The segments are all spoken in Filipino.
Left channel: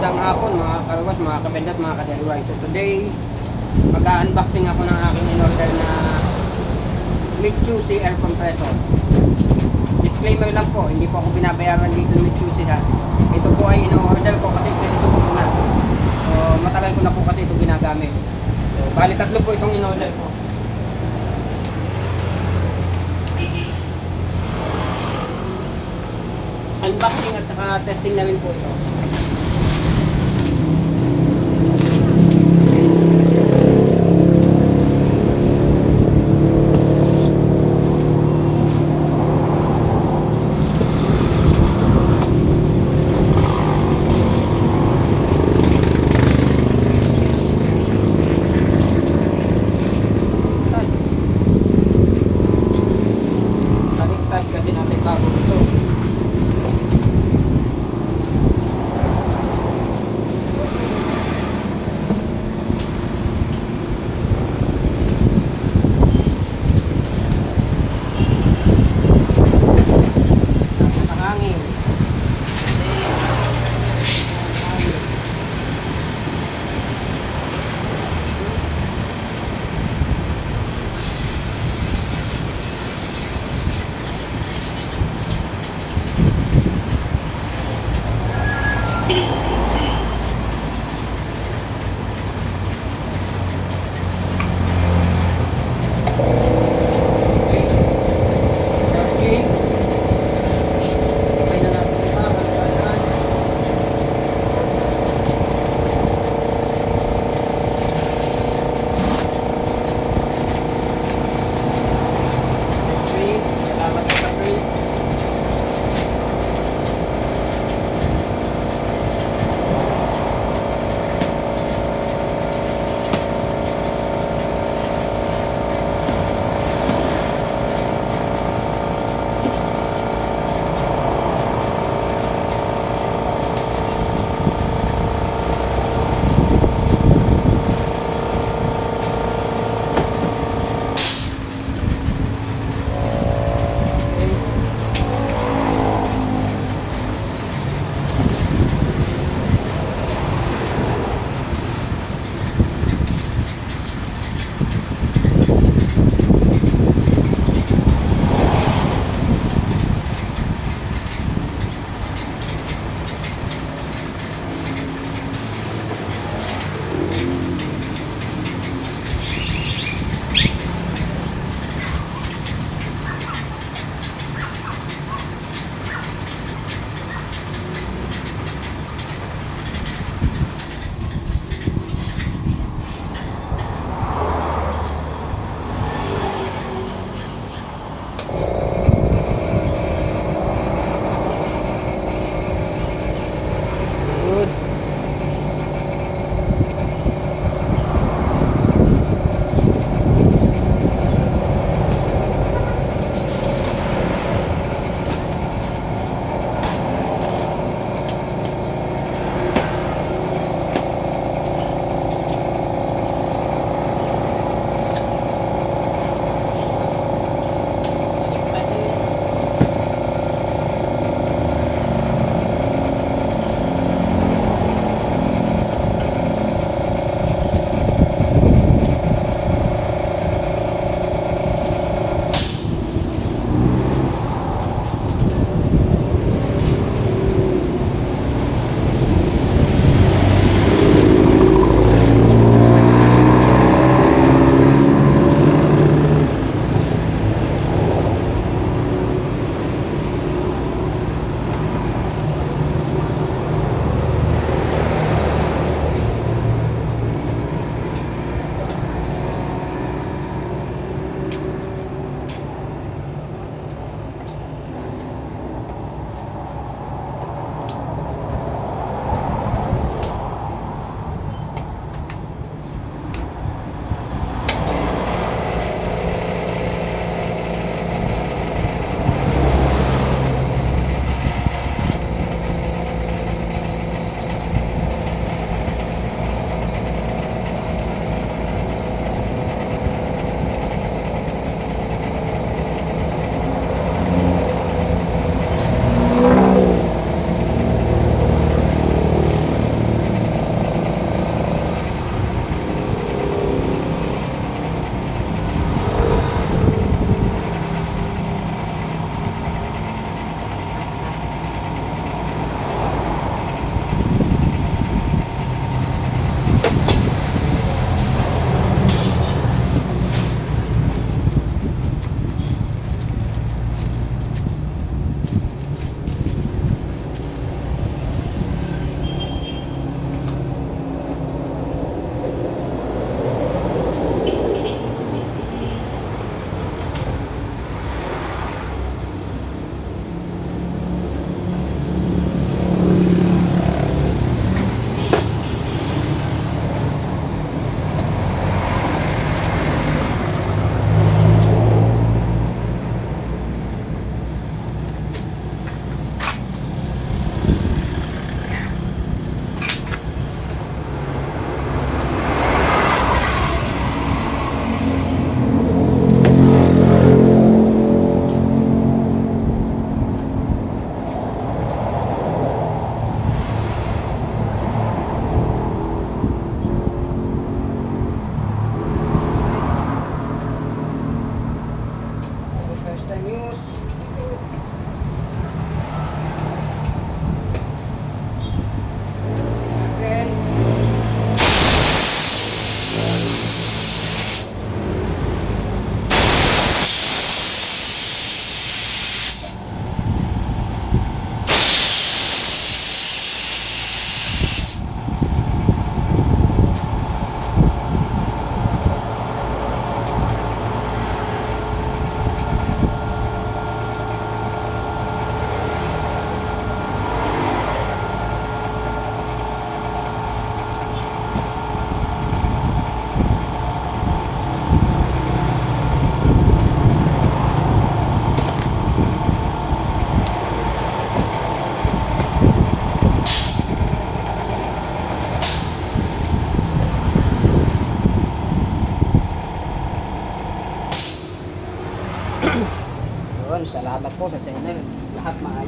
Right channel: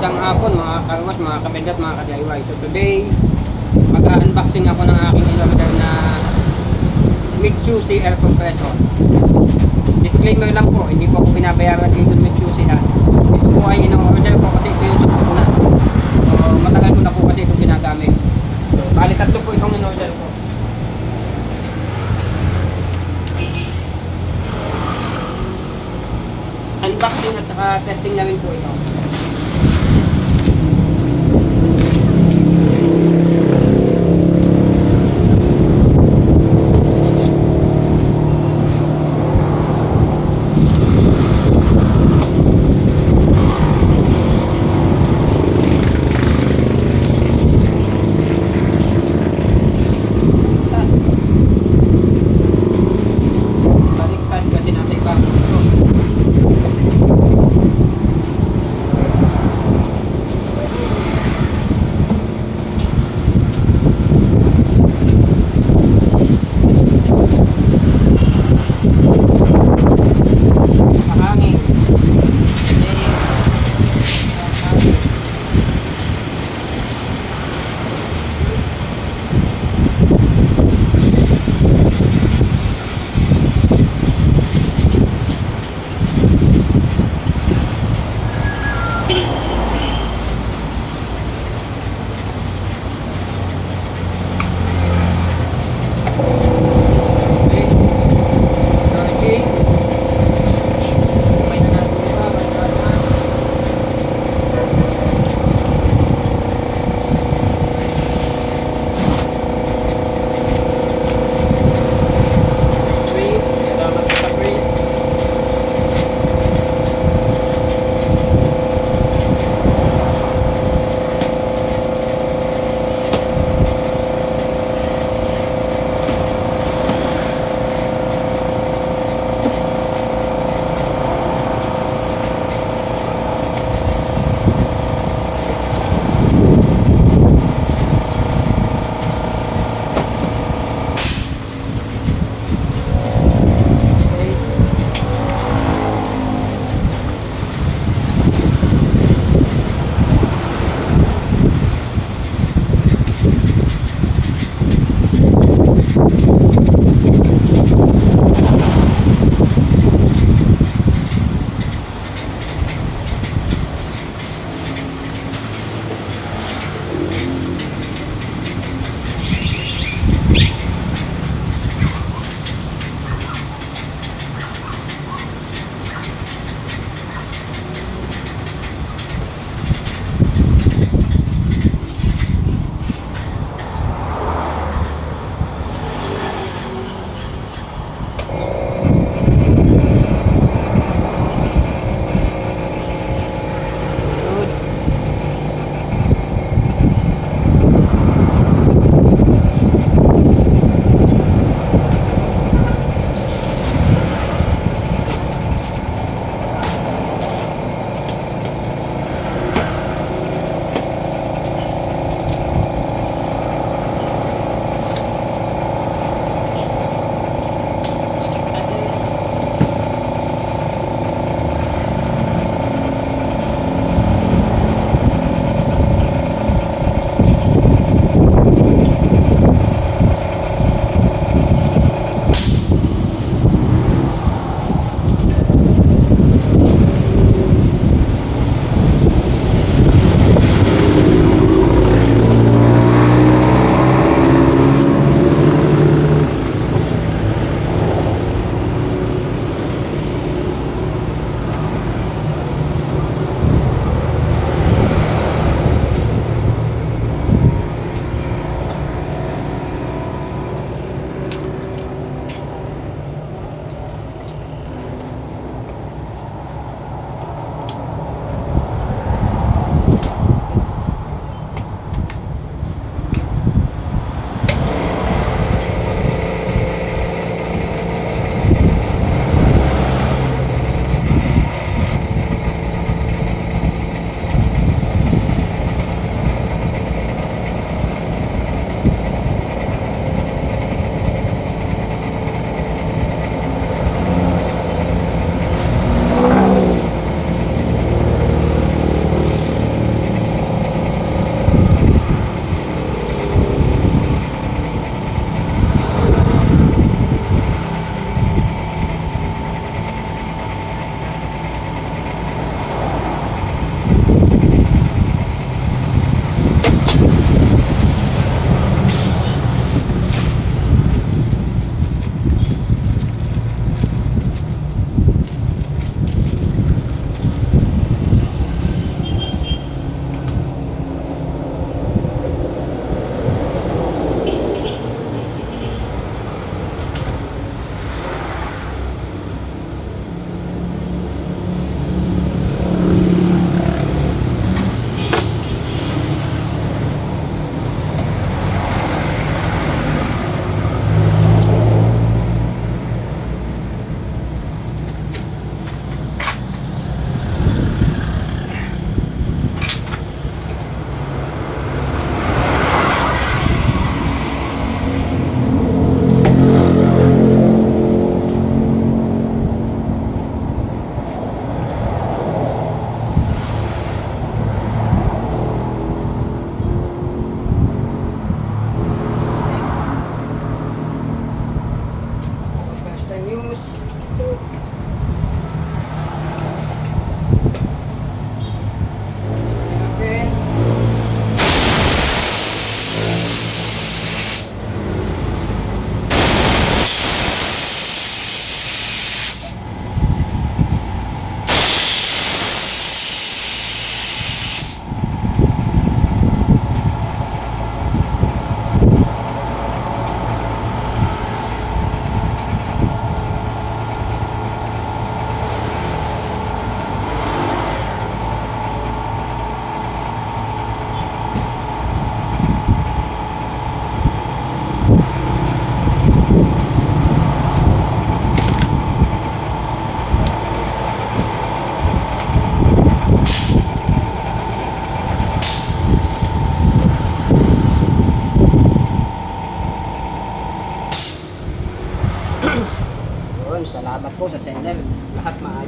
Magandang hapon mga kawas, mga kabendat, mga ka-DIY. So today, mag-unboxing ako ng aking in-order na Mitsubishi air compressor. Disclaimer lang po, hindi po ako binabayaran dito ng Mitsubishi ha. Ito po ay in-order ko kasi ito yung support ko na. So, matagal ko na po kasi itong ginagamit. So, bali tatlo po itong in-order ko. Unboxing at saka testing na rin po ito. Baliktad kasi nasa ibabaw ito.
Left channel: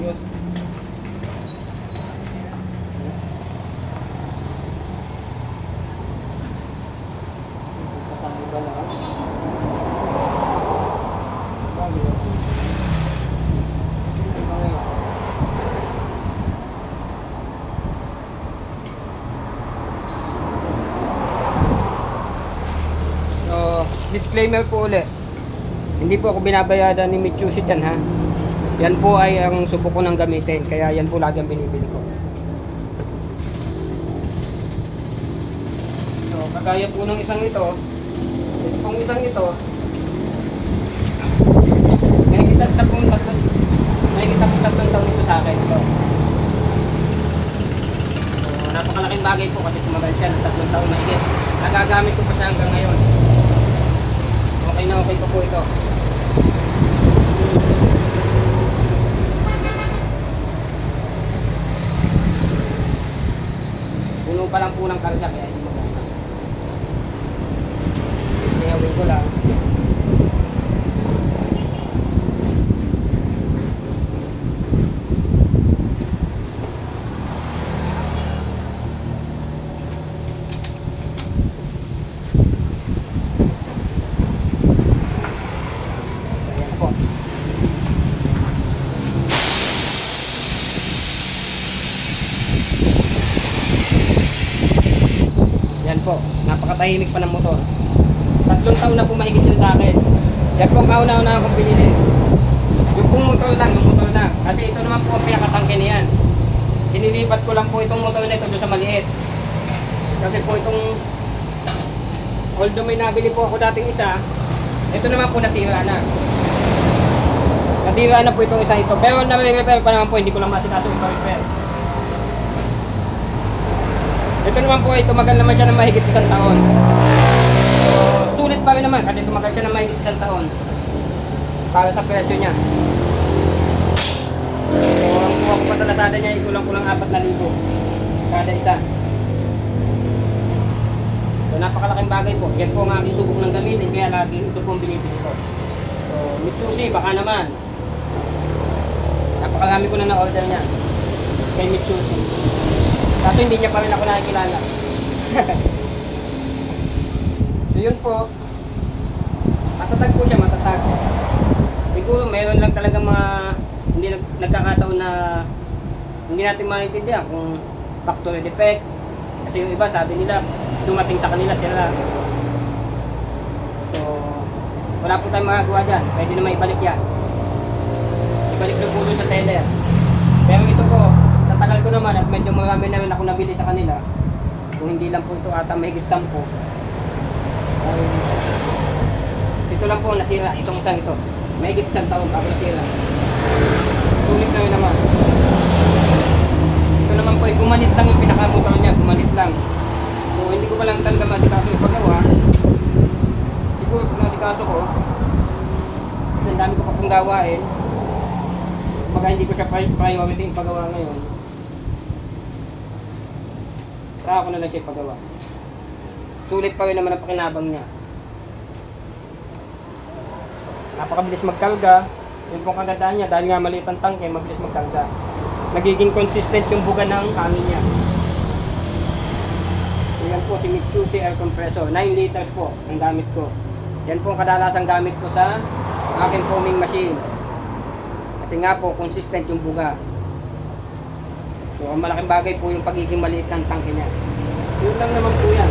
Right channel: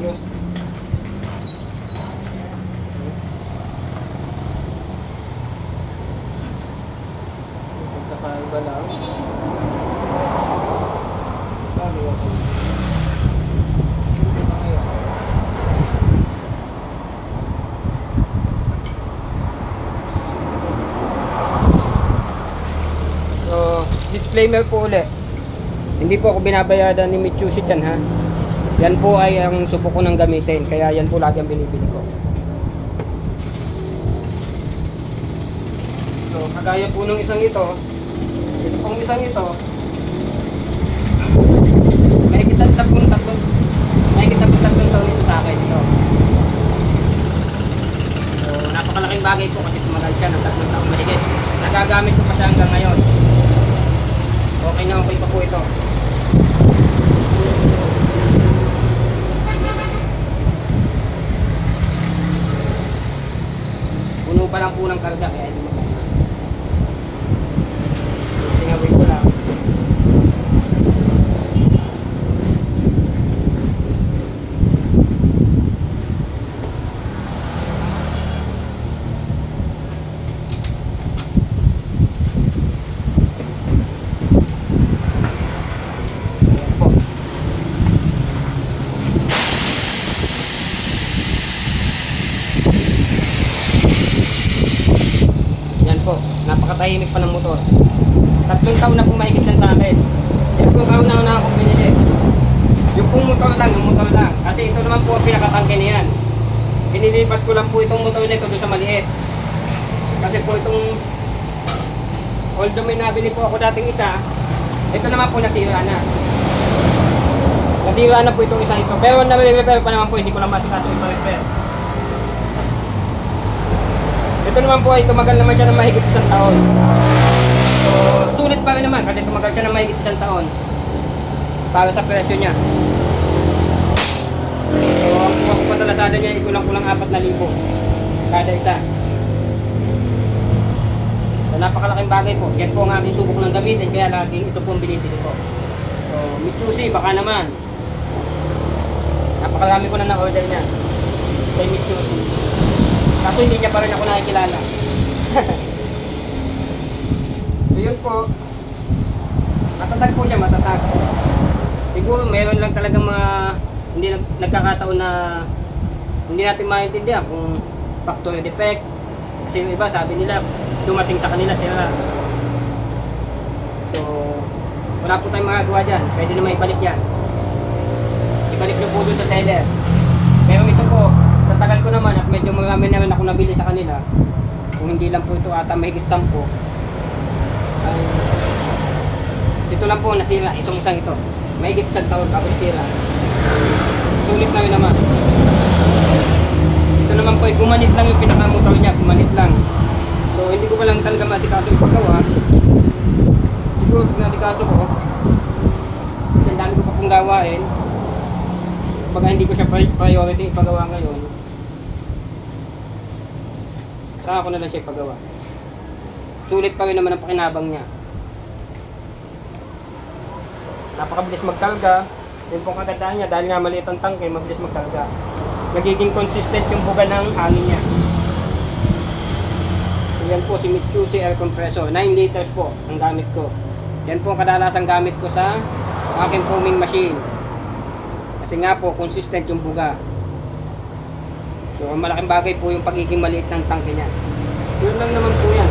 ayos. Kakaiba lang. Bagay ako. Hindi ba ngayon? So, disclaimer po ulit. Hindi po ako binabayaran ni Mitsubishi dyan ha. Yan po ay ang subok ko ng gamitin. Kaya yan po lagi ang binibili ko. So, kagaya po ng isang ito. Ito pong isang ito. May tatlong taon ito sa akin ito. So, napakalaking bagay po kasi tumagal siya ng 3 taon mahigit. Nagagamit ko pa siya hanggang ngayon. Okay na okay pa po ito. Puno pa lang po ng karga kaya hindi mo. Sinawin ko lang. Yan po, napakatahimik pa ng motor. 3 taon na po mahigit yan sa akin. Yan po ang kauna-una akong binili. Yung pong motor lang. Kasi ito naman po ang pinakatangke niyan. Inilipat ko lang po itong motor na ito doon sa maliit. Kasi po itong, although may nabili po ako dating isa, ito naman po nasira na. Nasira na po itong isa ito. Pero nare-repair pa naman po, hindi ko lang masikaso ito repair. Ito naman po ay tumagal naman siya ng mahigit 1 taon. So, sulit pa rin naman kasi tumagal siya ng mahigit 1 taon. Para sa presyo niya. So, ang kuha ko pa sa Lazada niya, ikulang-kulang 4,000 kada isa. So, napakalaking bagay po. Yan po ang aking subok ng gamitin, kaya laging ito po ang binibili ko. So, Mitsubishi, baka naman. Napakarami ko na na-order niya. Kay Mitsubishi. Kaso hindi niya pa rin ako nakikilala. So yun po. Matatag po siya, matatag. Siguro meron lang talaga mga hindi nagkakataon na hindi natin maintindihan kung factory defect. Kasi yung iba sabi nila dumating sa kanila sira. So wala po tayong magagawa dyan. Pwede na maibalik yan. Ibalik nyo po doon sa seller. Pero ito po, sa tagal ko naman at medyo marami naman ako nabili sa kanila, kung hindi lang po ito ata mahigit 10, ay ito lang po nasira, itong isang ito mahigit 1 taon bago nasira. Sulit na yun naman. Ito naman po ay gumanit lang yung pinakamotor niya, gumanit lang. So hindi ko pa lang talaga masikaso ipagawa. Siguro pag nasikaso ko, kasi ang dami ko pa pong gawain, pag hindi ko siya priority ipagawa ngayon, saka ako na lang siya ipagawa. Sulit pa rin naman ang pakinabang niya. Napakabilis magkarga. Yung pong kagandaan niya, dahil nga maliit ang tangke, mabilis magkarga. Nagiging consistent yung buga ng hangin niya. So yan po si Mitsubishi air compressor. 9 liters po ang gamit ko. Yan po ang kadalasang gamit ko sa aking foaming machine. Kasi nga po, consistent yung buga. So, ang malaking bagay po yung pagiging maliit ng tangke niya. Yun lang naman po yan.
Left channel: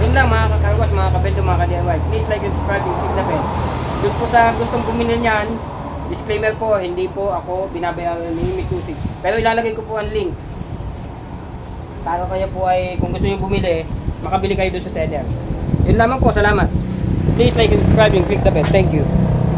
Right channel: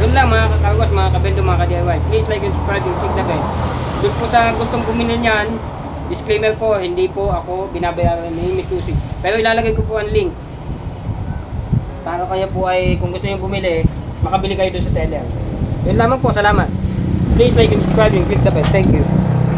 Yun lang mga kakarwas, mga kabendo, mga ka-DIY. Please like and subscribe and click the bell. Yun po sa gustong bumili niyan, disclaimer po, hindi po ako binabayaran ni Mitsubishi. Pero ilalagay ko po ang link. Para kaya po ay, kung gusto niyo bumili, makabili kayo doon sa seller. Yun lamang po, salamat. Please like and subscribe and click the bell. Thank you.